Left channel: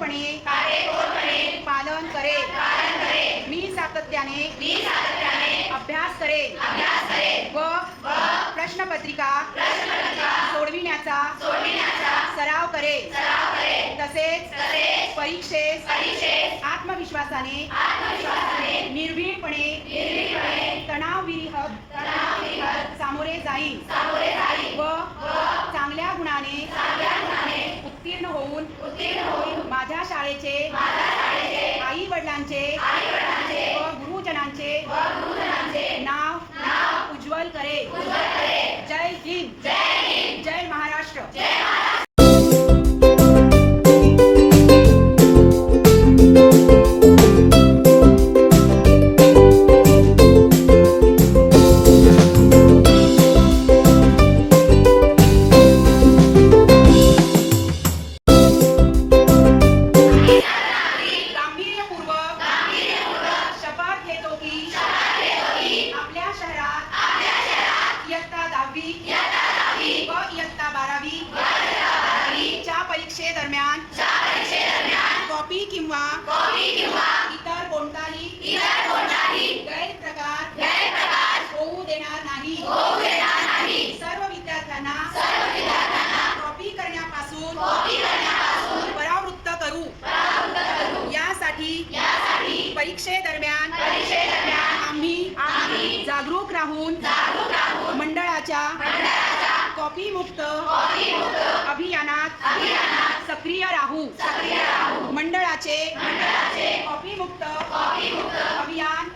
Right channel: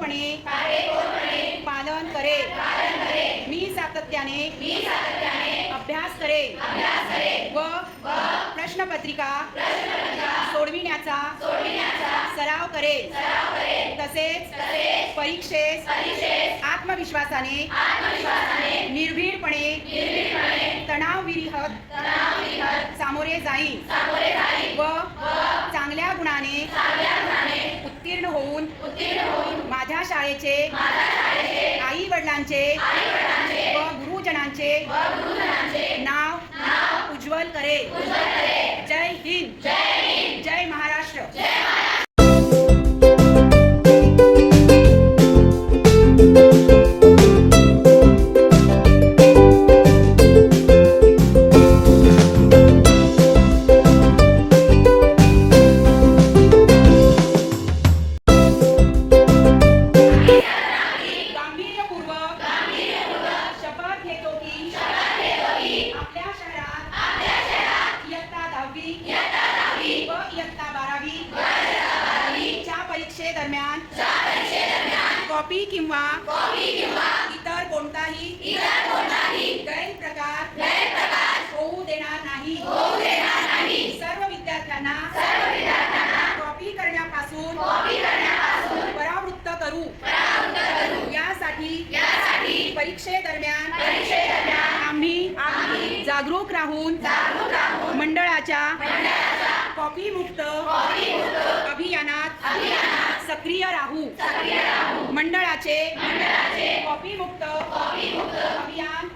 काटेकोरपणे पालन करेल। मी सातत्याने अभ्यास करेल व प्रश्नपत्रिका सोडविण्याचा सराव करेल। तसेच परीक्षेस आत्मविश्वासाने निर्भीडपणे तणावविरहित सामोरे जाईन व चांगल्या गुणाने उत्तीर्ण होऊन माझ्या शाळेचे आई वडिलांचे व गुरुजनांचे नाव उज्ज्वल करेल। जय हिंद, जय महाराष्ट्र। दरम्यान कॉपी किंवा इतर कोणताही गैरप्रकार होऊ देणार नाही। सर्व विद्यार्थ्यांना कॉपी करण्यापासून परावृत्त करू। यासाठी परीक्षेदरम्यान आम्ही जागरूक राहून मंडळाच्या कॉपी मुक्त अभियानात सक्रिय राहू। मंडळाचे कॉपी मुक्त अभियान